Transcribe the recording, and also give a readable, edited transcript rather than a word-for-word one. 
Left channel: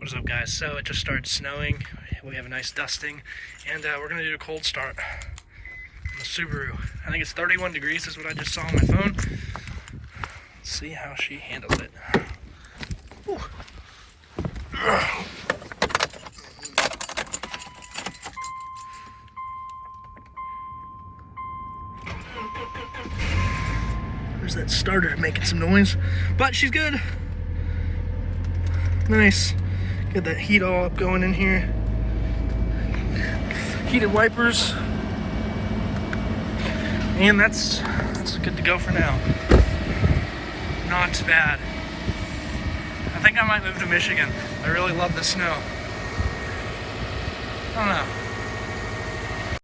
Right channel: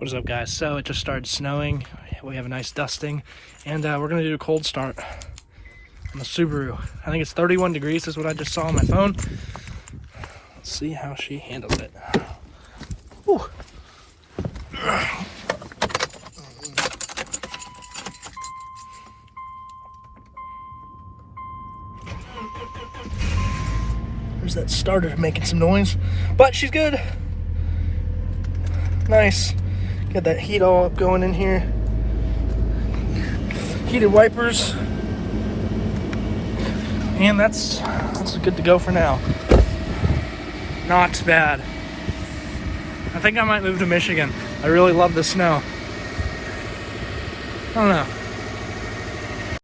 What is up, guys? So it just started snowing. We have a nice dusting, and we're gonna do a cold start on the Subaru. I think it's 31 degrees is what I just saw on my phone. Let's see how she handles it. Whew. There's that starter making some noise, but she's good. Nice. Got that heat all up going in here. Heated wipers. And that's good to go for now. Not bad. I think I might move to Michigan. I really love the snow. I don't know.